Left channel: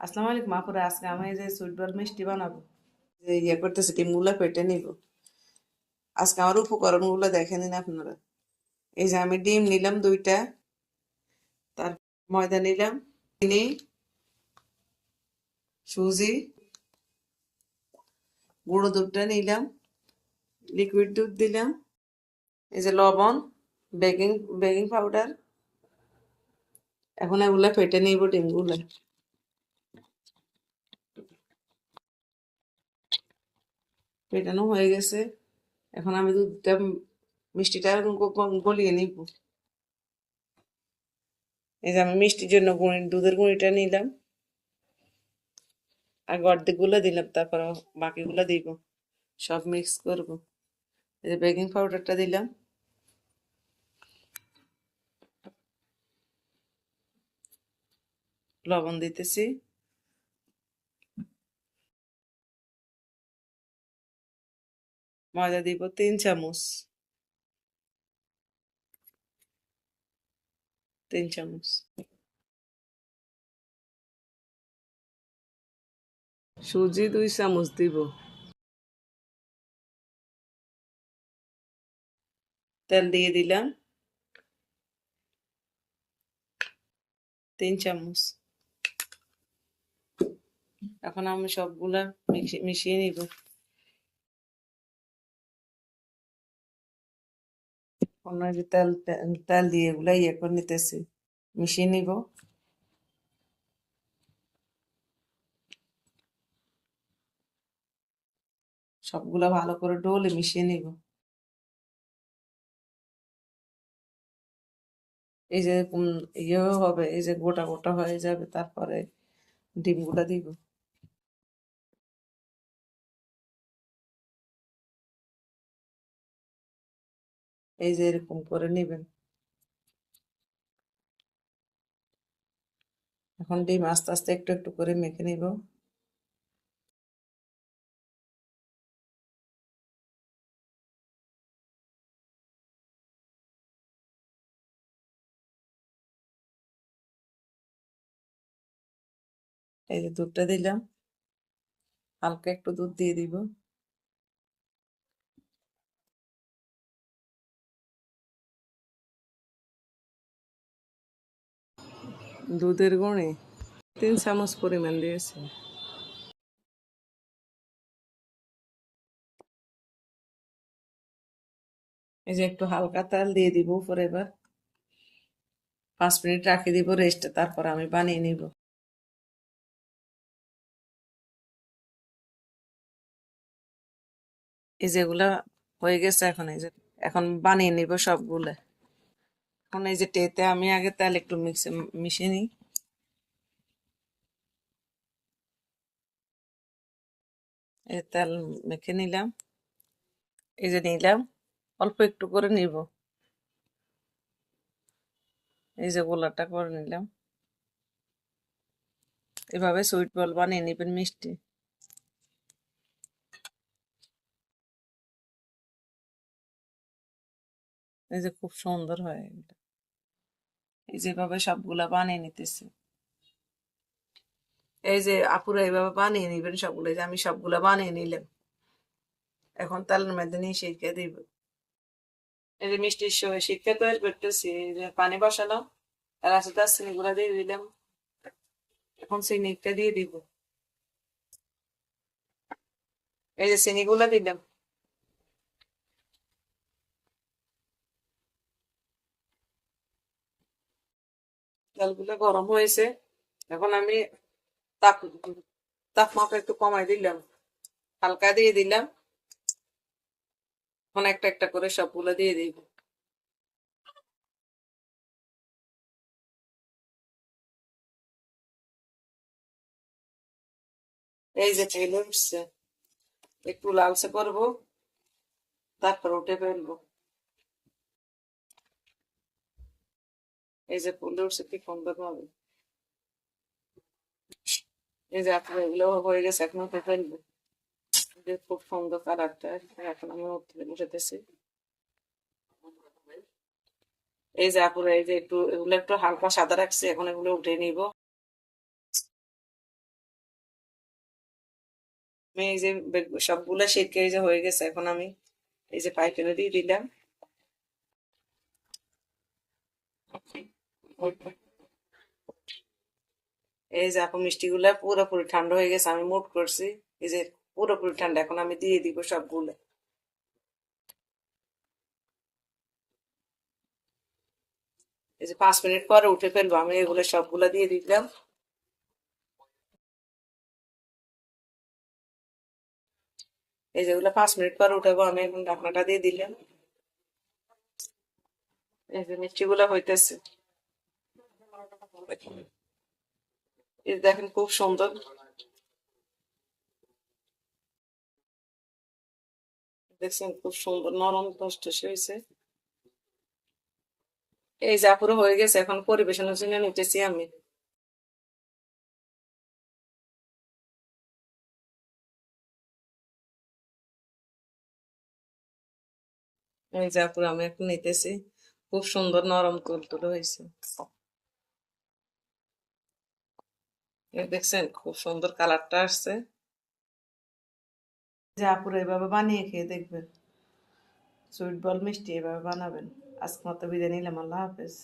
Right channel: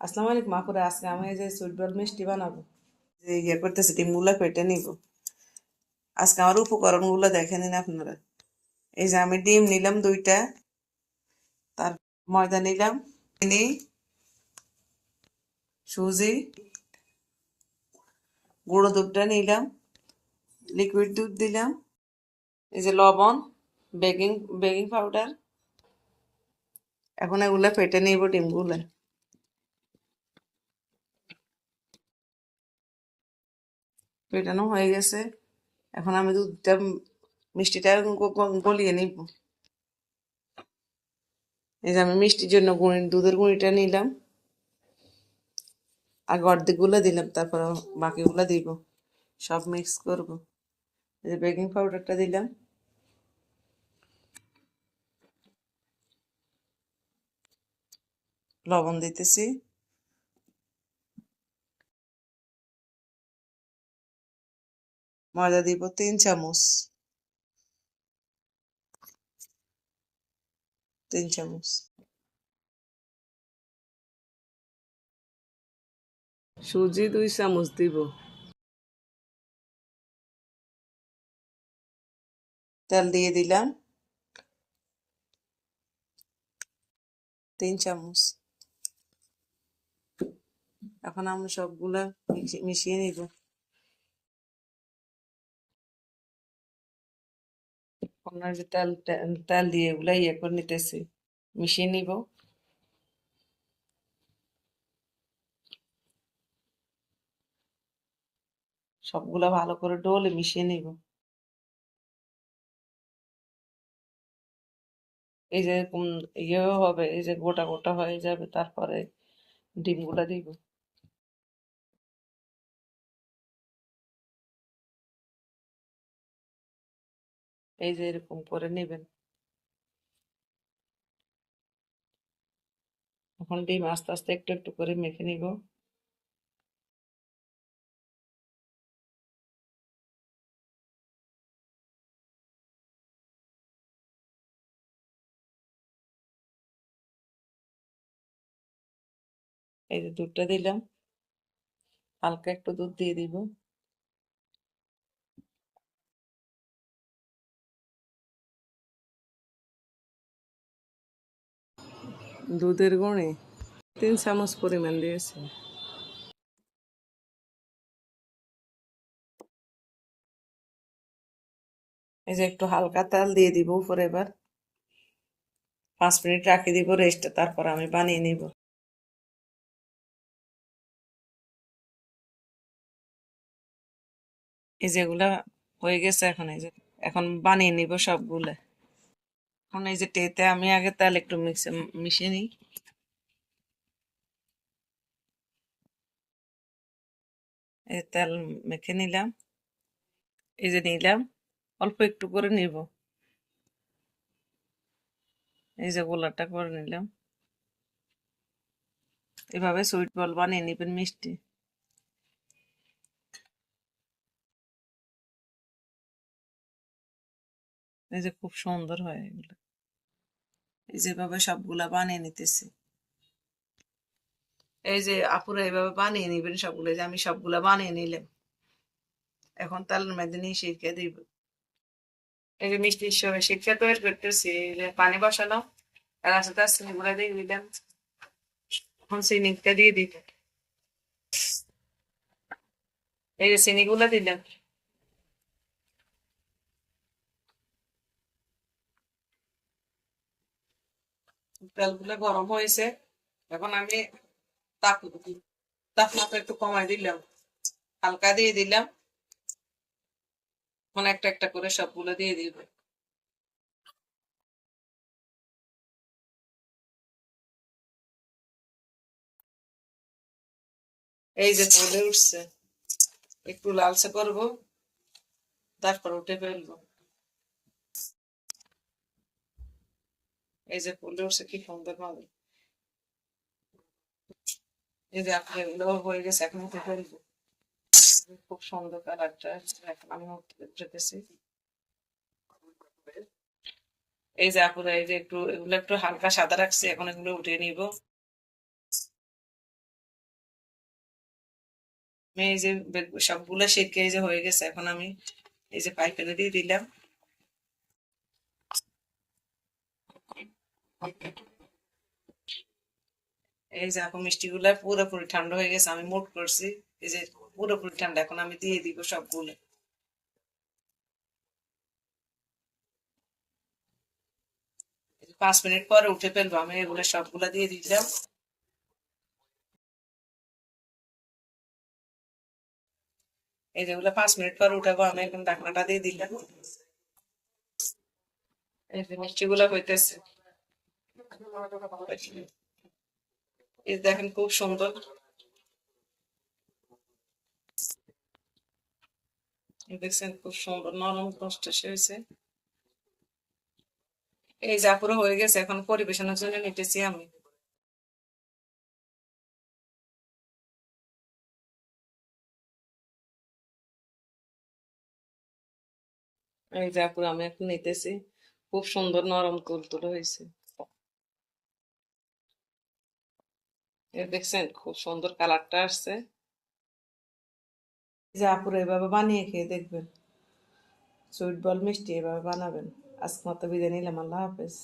আসসালামু আলাইকুম আপুরা আজকে আমি যে সুইট বল মিষ্টি বানাবো, যে ইয়ে করতেছি, ডিমগুলো পেটে নিব। আজকে আমার উপকরণগুলো দেখে নিন আপনারা। এই যে আমি ডিম নিলাম দুইটা, তার ময়দা নিলাম, চিনি, সুজি, গুঁড়ো দুধটা নিলাম লিকুইড দুধ দিলাম, এই যে লবণ বেকিং বেকিং পাউডার এখন এগুলো ফেটে নিব ডিমগুলো। ফেটানো হয়ে গেছে। এখন আমি দুধটা, মিষ্টিটা গলিয়ে নিব। এই যে আমি মিষ্টির জন্য গুঁড়ি, দুধের গুঁড়িটা নিলাম। আগে অর্ধেকগুলো দিলাম, তারপর বাকিগুলো দিব। সব মিক্স করব। এই যে বেকিং পাউডারটা দিলাম। লবণ দিতেছি। ময়দা দিব তিন চামচ। তিন চামচ। সুজি দুই চামচ দিব। তেল দিয়ে দিলাম। তিন চামচ। এখন আমি সবগুলা মিশি- মিশিয়ে নিব। অন্য যে তেল তেল দিয়ে ইয়ে করে নিতেছি। মিশিয়ে নিব। সবগুলা ভালো করে ডলে মিশিয়ে নিব। এই যে ইয়ে হবে, এই যে গোটা গোটা হয়ে যাবে, তারপরে ডিমগুলা দিব। এই যে এরকম করে নেবেন এখন ডিম আস্তে আস্তে একটু একটু করে মেখে নিব এই যে দুধটা দিলাম হালকা একটু দুধ দিয়ে দিব দুধের গুঁড়ি তিন চামচ পরিমাণ দিয়েছি। এই যে একটু হালকা তেল দিয়ে দিব উপরে এবার। পাঁচ মিনিট রাখি দিব রেস্টে তারপর আমি বানিয়ে নিব। এই যেগুলা হয়ে গেছে এখন, এই যে এখন বানিয়ে নিব সবগুলো। এখন এই যে টেতে আমি আগে তেল একটু মিক্সে মিশিয়ে নিই। তেল মেখে নিলাম। এই যে নিলাম, অল্প একটু করে নিব। এই যে গোলাটা করে নিলাম। এভাবে সুইট বল বানিয়ে নিবেন মিষ্টি। এই যে খুব সুন্দর হয় এগুলো। এই যেভাবে সবগুলা বানিয়ে নিতেছি। এই যে আপুরা এইভাবে বানিয়ে নিবেন সবগুলো যে আমি সবগুলা বানিয়ে নিলাম। এখন তালের মধ্যে নিয়ে শিখে দিব। এই যে মিষ্টির সঙ্গে শিখে তৈরি করতেছি পানি বসালাম, আর আস্তে আস্তে দিয়ে দিলাম। এখন চিনিটা দিয়ে দিব। এই যে চিনিগুলা দিলাম। তেলগুলো গরম হয়েছে, এখন আমি তাপ, তাপমাত্রা একটু কমাই দিলাম, হালকা দিয়ে দিলাম। এখন একটা একটা করে সবগুলো দিয়ে দিব। এই যে পলে উঠছে, একটু লালচে করব, তারপর উঠে ফেলব। এই যে উঠছে কি সুন্দর ভাবে এই যে আপনার এগুলো হয়ে গেছে, এখন উঠে ফেলব। খুব সুন্দর কালারটা এখন আমি উঠতে উঠেতেছি এই যে আপুরা এই যে একটু, এগুলো একটু হালকা সাদা রাখছি, এখন এগুলো উঠে নিব। আমি এই যে সবগুলো শেখে এই যে হয়ে গেছে, এখন আমি এই যে পাইপেনে দিয়ে দিলাম। এই যে আপু মিষ্টিগুলা পুরোপুরি ঠান্ডা হয়ে গেছে, আমি মুট করছি। এই যে পুরোপুরি ঠান্ডা, এখন আমি দিয়ে দিব সবগুলো। এই যে পাঁচ মিনিট পরে উঠে ফেলব, আমি এগুলো সবগুলা দিয়ে দিলাম। এই যেগুলো পাঁচ মিনিট পর উঠাবো, আমি এখন ঢাকনাটা দিয়ে দিলাম। এই যে মিষ্টিগুলা হইতেছে। এই দেখেন খুব সুন্দর। দেখছেন খুব সুন্দর, নরম টসটসে হয়েছে। এই যা পুরো হয়ে গেছে, এখন পরিবেশনের জন্য নিতেছি আমি। এই যা পুরো আমি এখন নিতেছি, খুব সুন্দর নরম তুলতুলে হয়েছে এই দেখছেন খুব সুন্দর কালারটা আসছে। যা পুরো এভাবে বানিয়ে খেয়ে দেখবেন। সুইট বল মিষ্টি এভাবে বানাবেন। আজকে মতো বিদায় নিলাম, আল্লাহ হাফেজ।